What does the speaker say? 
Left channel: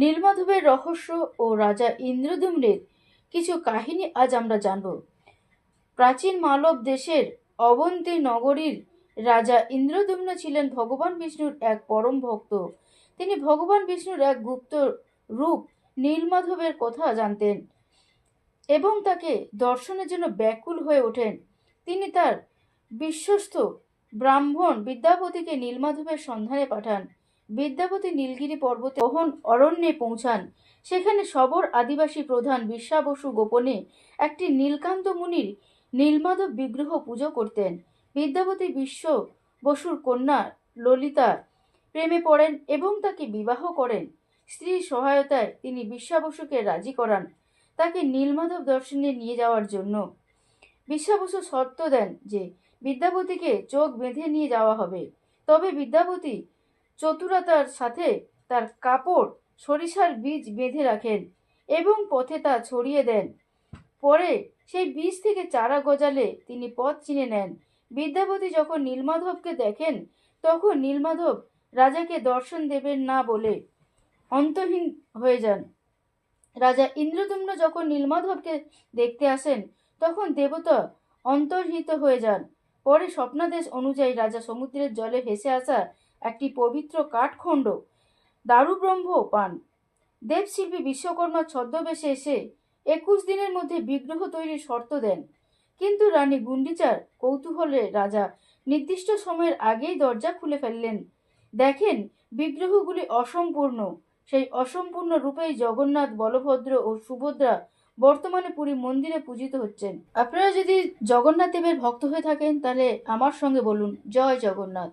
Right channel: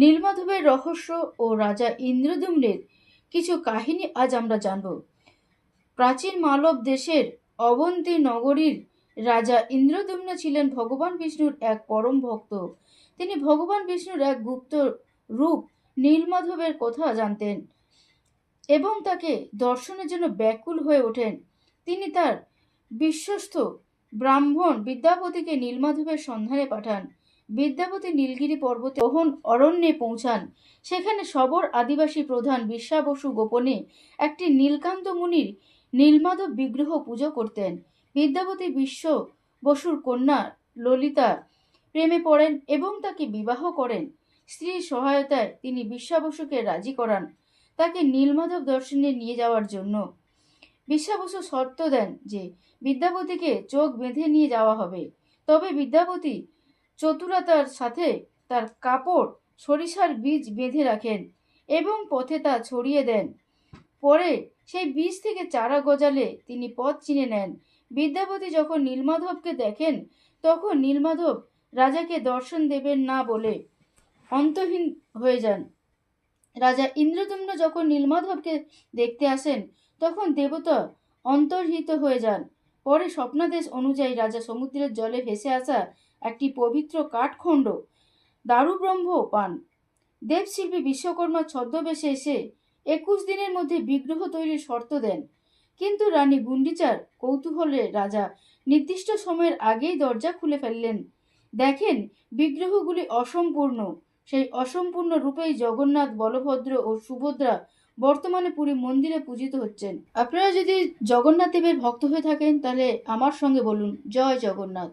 নীলমাধবের রহস্য ও রাজা ইন্দ্রদ্যুম্নের কিছু কাহিনী আজ আমরা জানব। প্রাচীন মালব দেশের অবন্তী নগরীর রাজা ইন্দ্রদ্যুম্ন ছিলেন ভগবান বিষ্ণুর এক পরম ভক্ত। তিনি ভগবান বিষ্ণুর এক গুপ্ত রূপ নীলমাধবের কথা জানতেন এবং তাকে দর্শনের জন্য ব্যাকুল হয়ে ওঠেন। তিনি তার বিশ্বস্ত ব্রাহ্মণ বিদ্যাপতিকে নীলমাধবের সন্ধানে পাঠান। বিদ্যাপতি নীলগিরি পর্বতে গহন অরণ্যে পৌঁছান। সেখানে সবর আদিবাসী প্রধান বিশ্বাবসু গোপনে একটি নীলকান্ত মুনির নীলমাধব বিগ্রহ পুজো করতেন। বিদ্যাপতি বিশ্ব বসুর কন্যা ললিতা প্রেমে পড়েন এবং তাকে বিবাহ করেন। স্ত্রীর সহায়তায় তিনি বিশ্বাবসুকে রাজি করান তাকে নীলমাধব দর্শনে নিয়ে যাওয়ার জন্য। বিশ্বাবসু শর্ত দেন যে বিদ্যাপতিকে চোখ বেঁধে নিয়ে যাওয়া হবে, তবে বিদ্যাপতি চতুরতার সাথে তার কাপড় সরিষার বীজ বেঁধে রাখেন এবং পথে তা ছড়িয়ে দেন। পরে সেই বীজ থেকে চারা গজালে তিনি পথ চিনে নেন। বিদ্যাপতি যখন নীলমাধবকে দেখেন তখন নীলমাধব রাজাকে দর্শন দেবেন না বলে অন্তহীন হয়ে যান। রাজা ইন্দ্রদ্যুম্ন যখন নীলমাধবকে দেখতে আসেন তখন দেবতা অন্তর্হিত হয়ে যান। পরে স্বপ্নাদেশ অনুযায়ী রাজা সমুদ্রের জলে ভেসে আসা একটি পবিত্র কাঠখণ্ড দারুব্রহ্ম পান। দেবশিল্পী বিশ্বকর্মা ছদ্মবেশে এসে 21 দিনের মধ্যে বিগ্রহ তৈরির শর্ত দেন, কিন্তু রানী গুন্ডিচার কৌতূহলে রাজা নির্দিষ্ট সময়ের আগেই দরজা খুলে ফেললেন। দেখেন বিগ্রহগুলি অসম্পূর্ণ। সেই অসম্পূর্ণ রূপেই জগন্নাথ, বলভদ্র ও সুভদ্রা বর্তমানে পুরী মন্দিরে পূজিত হচ্ছেন। আপনারা যদি জগন্নাথ দেবের ভক্ত হয়ে থাকেন তাহলে আমার সঙ্গে বলুন, জয় জগন্নাথ।